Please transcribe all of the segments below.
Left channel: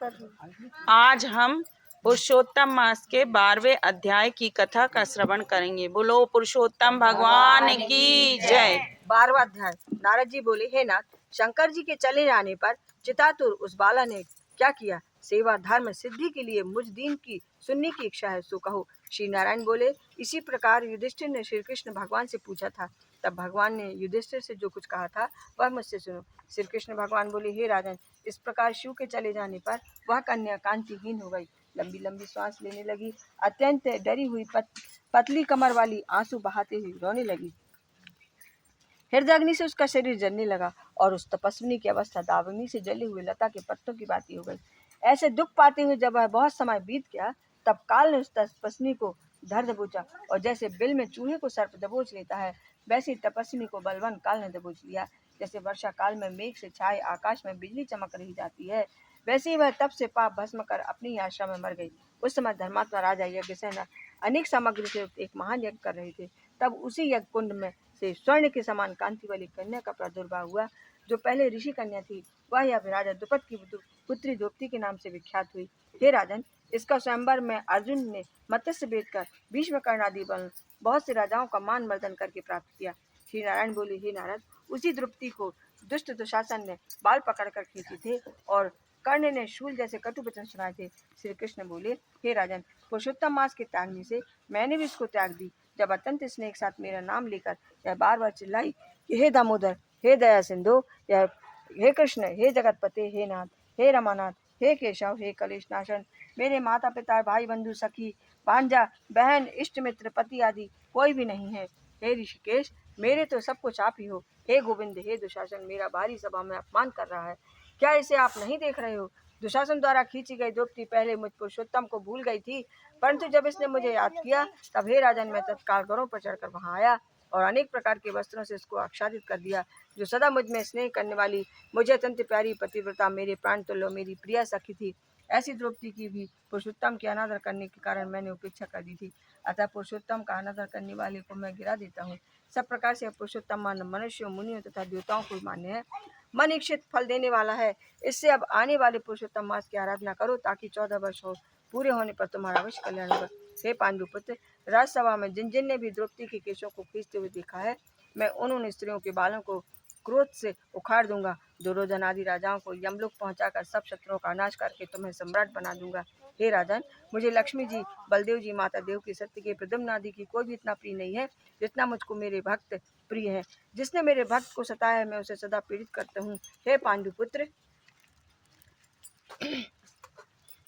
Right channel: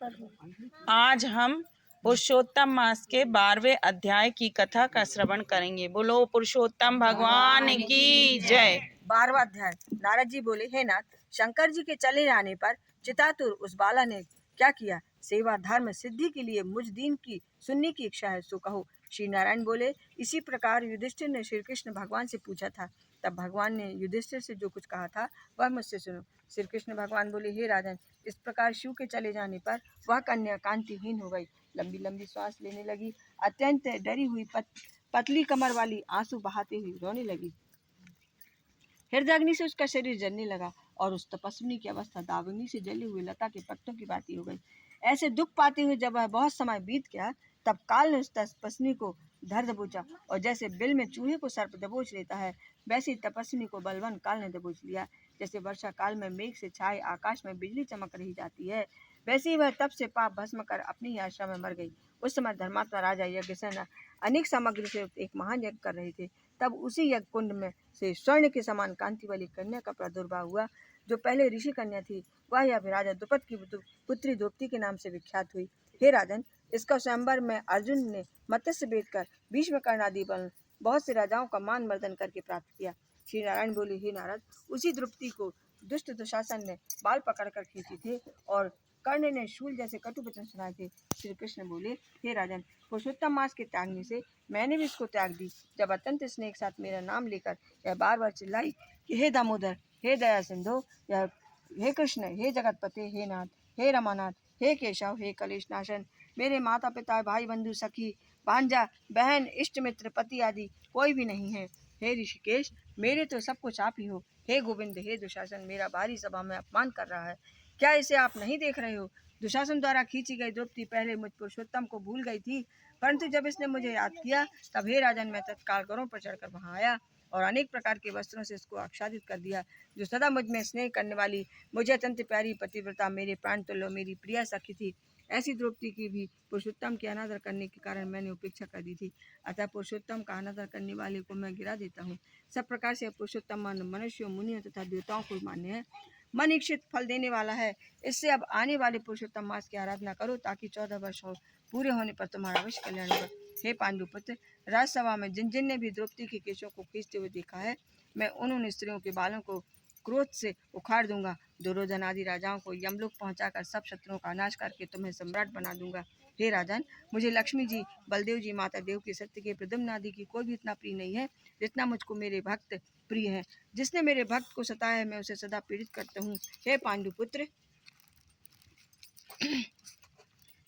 आज हम पुरुषोत्तम मास के 12वें अध्याय की कथा का श्रवण करेंगे। बोलो पुरुषोत्तम भगवान की जय। 12वां अध्याय। नारद जी बोले, हे नाथ, शंकर जी के चले जाने पर चितातुर उस बाला ने क्या किया? सेवा धर्म सिद्धि के लिए मुझ दीन की सुनने की इच्छा है, सो कहो। श्री नारायण बोले, इसी प्रकार युधिष्ठिर ने श्री कृष्ण भगवान से पूछा था। तब भगवान ने युधिष्ठिर से जो कुछ कहा था वह मुझसे सुनो। श्री कृष्ण भगवान बोले, हे राजन, इस प्रकार शिव के चले जाने पर वह कन्या कांतिहीन हो गई, लंबी लंबी सांस लेने लगी, अत्यंत डरी हुई पतली कमर वाली, आंसू बहाते हुए रोने लगी। हृदय अग्नि से उसका शरीर जलने लगा और उस तपस्विनी की अवस्था दावाग्नि से जले हुए लता के पत्तों की भांति हो गई। ऐसे दुख पाते हुए जब वह बहुत समय बीत गया, तब काल ने उस तपस्विनी को धर दबोचा, और जैसे बिल में चूहे को सर्प दबोच लेता है, वैसे ही तपस्विनी को बलवान काल ने दबोच लिया। जैसे वर्षा काल में मेघ से छाए आकाश में बिजली चमक रही जाती है, वैसे ही वह तप से पाप भस्म कर अपनी ही आश्रम में मर गई। उस समय धर्मात्मा राजा यज्ञसेन अनेक सामग्री से एक महान यज्ञ कर रहे थे। तब उसी यज्ञ कुंड में से स्वर्ण के समान कांति वाली कन्या का प्रादुर्भाव हुआ, जो पहले ऋषि कन्या थी। वह यह राजा द्रुपद की पुत्री द्रौपदी के नाम से विख्यात हुई। हे राजन, इसका स्वयंवर में अर्जुन ने मत्स्य भेद कर भीष्म कर्ण आदि बहुत से राजाओं का मान मर्दन करके प्राप्त किया। श्री नारायण बोले, हे नारद, उसी द्रौपदी को दुष्ट दुशासन ने बाल पकड़कर खींचे थे और कर्ण ने शूल जैसे कटु वचन सुनाए थे। श्री कृष्ण बोले, हे राजन, पुरुषोत्तम मास के त्यागने से मैंने भी इसको त्याग दी। जब अत्यंत स्नेह के साथ मेरा नाम लेकर यह बार बार चिल्लाई कि हे दामोदर, हे दया सिंधु, यह हे कृष्ण, हे जगतपते, हे नाथ, हे रमानाथ, हे केशव, हे कलेश नाशन, मेरे माता पिता, भाई बंधु, सखी भांजा, बहन, इष्ट मित्र, पति आदि कोई भी नहीं है। हे ऋषिकेश, मेरे तो सब कुछ आप ही हो। हे गोविंद, हे दुशासन, मेरा भारी सभा में अपमान कर रहा है, क्या इसे आप नहीं देख रहे हो? दुशासन द्वारा खींची गई द्रौपदी पहले मुझ पुरुषोत्तम को भूल गई थी, परंतु जब इसने मुझे याद किया, तब हे राजन, मैं तत्काल गौरों पर चढ़कर वहां आया और अनेक प्रकार के वस्त्रों से इसको आच्छादित कर दिया। जो सदा मुझ में स्नेह करने वाली, मुझे अत्यंत प्यारी पतिव्रता, मेरे प्राण तुल्य, मेरी प्रिय सखी थी, ऐसी द्रौपदी की भी पुरुषोत्तम की अनादर करने के कारण मैंने उपेक्षा कर दी थी। अतः पुरुषोत्तम का अनादर करने वाले को मैं गिरा देता हूँ। सब प्रकार से पुरुषोत्तम मनुष्यों, मुनियों तथा देवताओं को मान्य है, मन इच्छित फल देने वाला है। इससे अब आने वाले पुरुषोत्तम मास की आराधना करो, ताकि 14 वर्ष पूरे होने पर तुम्हारा अवश्य कल्याण होगा। हे पांडुपुत्र, राजसभा में जिन जिन ने भी द्रौपदी के केशों को खींचते हुए देखा है, मैं उन स्त्रियों के बालों को क्रोध से उखाड़ दूंगा। दुर्योधन आदि राजाओं को यमलोक पहुंचाकर सब शत्रुओं का नाश करके तुम्हें सम्राट बना दूंगा। हे राजन, मुझे लक्ष्मी जी, बलदेव जी, माता देव की, सत्य के, प्रद्युम्न आदि की कोई भी इतना प्रिय नहीं है जितना मुझको मेरे भक्त प्रिय है। जिसने मेरे भक्त को सताया है, मैं उसे सदा पीड़ित करता हूँ। हे पांडुपुत्र,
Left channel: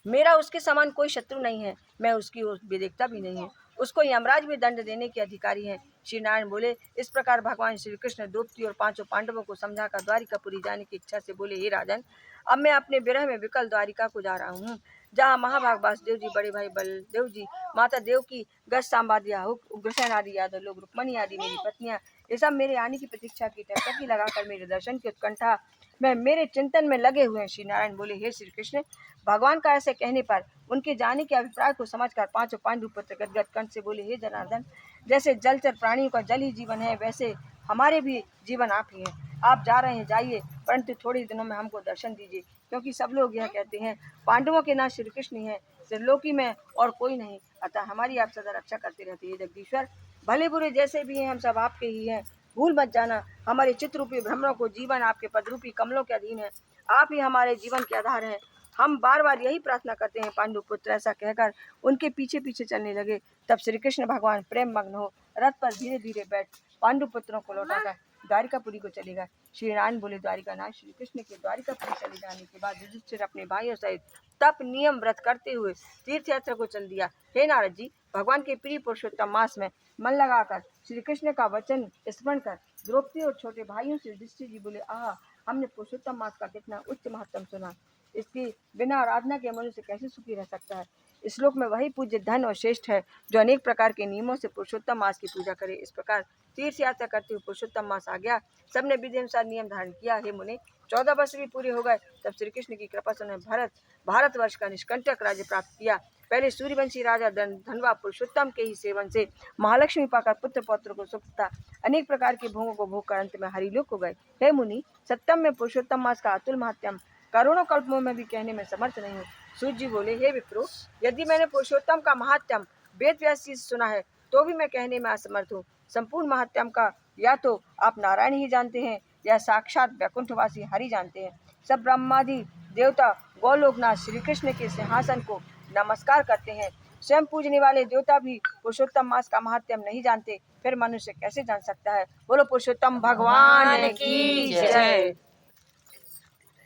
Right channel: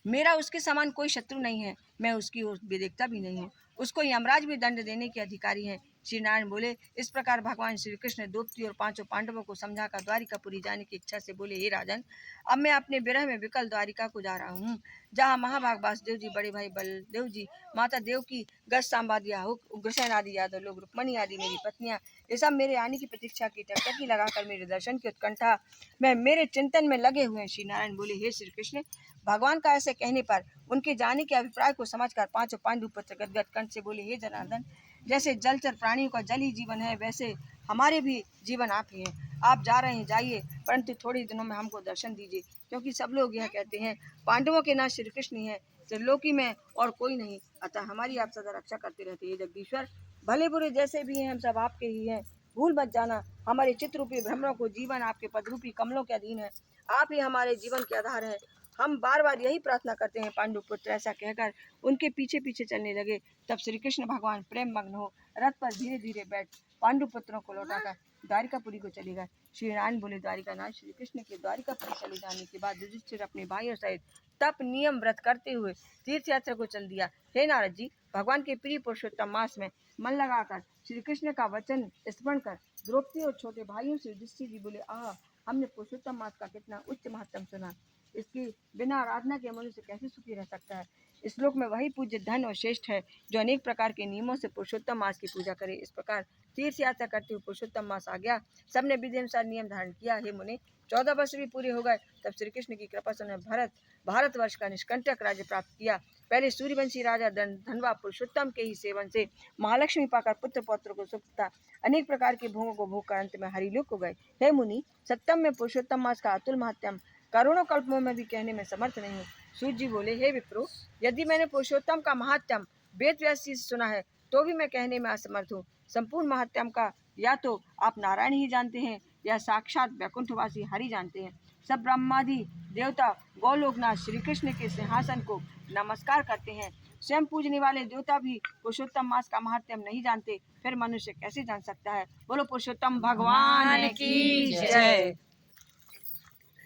मेरा उसके समान कोई शत्रु नहीं है, मैं उसकी बेदेखता भी नहीं हूँ। उसको यमराज भी दंड देने के अधिकारी हैं। श्री नारायण बोले, इस प्रकार भगवान श्री कृष्ण द्रौपदी और 5 पांडवों को समझाकर द्वारिकापुरी जाने की इच्छा से बोले, हे राजन, अब मैं अपने विरह में विकल द्वारिका को जा रहा हूँ, जहाँ महाभाग वासुदेव जी, बड़े भाई बलदेव जी, माता देव की, गज सांबादिया, उग्रसेन आदि यादव लोग, रुक्मणी आदि मेरी पत्नियां, ये सब मेरे आने की प्रतीक्षा की टकटकी लगाकर मेरे दर्शन की उत्कंठा में मेरे चिंतन में लगे हुए हैं। श्री नारायण बोले, हे श्री कृष्ण, भगवान का ऐसे कहने पर उनके जाने के अभिप्राय को समझकर 5 पांडु पुत्र गदगद कंठ से बोले, हे जनार्दन, जैसे जलचर प्राणियों का जल ही जीवन है, वैसे हमारे भी जीवन आप ही हैं। आप जा रहे हैं, जाइए, परंतु थोड़ी दिनों में हमको दर्शन दीजिए, क्योंकि सब लोग यह कहते हैं पांडवों के नाथ श्री कृष्ण ही है, त्रिलोकी में और कोई नहीं, अतः हमारी आप सदा रक्षा करते रहते हैं। जगदीश्वर, भले बुरे जैसे भी हैं, हम सब आपके ही हैं, भूल मत जाना। हमारे चित्ररूपी भ्रमरों को जीवन आपके पदरूपी कमलों के अधीन है, आप ही हमारे जीवन के आधार हैं, हम बार बार यही प्रार्थना करते हैं। पांडुपुत्र ऐसा कहकर उनके पीछे पीछे चलने लगे। तब श्री कृष्ण भगवान प्रेम मग्न हो रथ पर धीरे धीरे बैठ पांडुपुत्रों को लौटाकर द्वारिकापुरी को चलेगा। श्री नारायण बोले, द्वारिका नाथ श्री कृष्ण के द्वारिकापुरी चले जाने के बाद युधिष्ठिर अपने भाइयों सहित तप नियम व्रत करते हुए तीर्थ यात्रा को चल दिया। हे नारद जी, भगवान के प्रिय पुरुषोत्तम मास में मन लगाकर श्री कृष्ण का वचन स्मरण कर द्रौपदी और छोटे भाइयों से युधिष्ठिर जी बोले, आह, हमने पुरुषोत्तम मास का कितना उच्च महत्व सुना, इसकी बिना आराधना के मनुष्य कैसे सुखी रह सकता है। इस श्लोक में वही पूज्य धन और श्रेष्ठ है जो अनेक प्रकार के नियमों से पुरुषोत्तम मास की पूजा करे। इस प्रकार तीर्थ यात्रा करते हुए पुरुषोत्तम मास आ गया। सबने विधि अनुसार नियम धारण किया। हे मुने, 14 वर्ष भी पूरे हो गए, तब श्री कृष्ण की कृपा से उन्हें भारतवर्ष का निष्कंटक राज्य प्राप्त किया। पहले सूर्यवंशी राजा धनवा पुरुषोत्तम के ही सेवन से महालक्ष्मी पाकर पुत्र पौत्र को सुख था, अनेक प्रकार के भोगों को भोग कर अंत में हरिलोक हो गए। हे मुनि, सप्तम में पुरुषोत्तम मास का अतुल महात्म्य करोड़ों कल्पों में भी कहने में समर्थ नहीं हूँ। सूत जी बोले, हे विप्रो, यदि मैंने पुरुषोत्तम का महात्म्य वेद व्यास जी से सुना है तो भी मैं कहने में असमर्थ हूँ। संपूर्ण महात्म्य का या तो आप नारायण ही जानते हैं या साक्षात वैकुंठवासी हरि जानते हैं। सब ब्रह्मादि देवता गौलोकनाथ श्री कृष्ण के सिंहासन को नमस्कार करते हैं। स्वयं पूजने वाले देवता भी पुरुषोत्तम मास का महात्म्य नहीं जानते, फिर मनुष्य कैसे जान सकता है। बोलो पुरुषोत्तम भगवान की जय।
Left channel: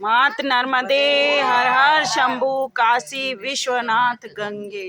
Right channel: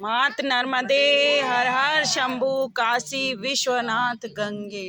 मात नर्मदे हर हर शंभु काशी विश्वनाथ गंगे।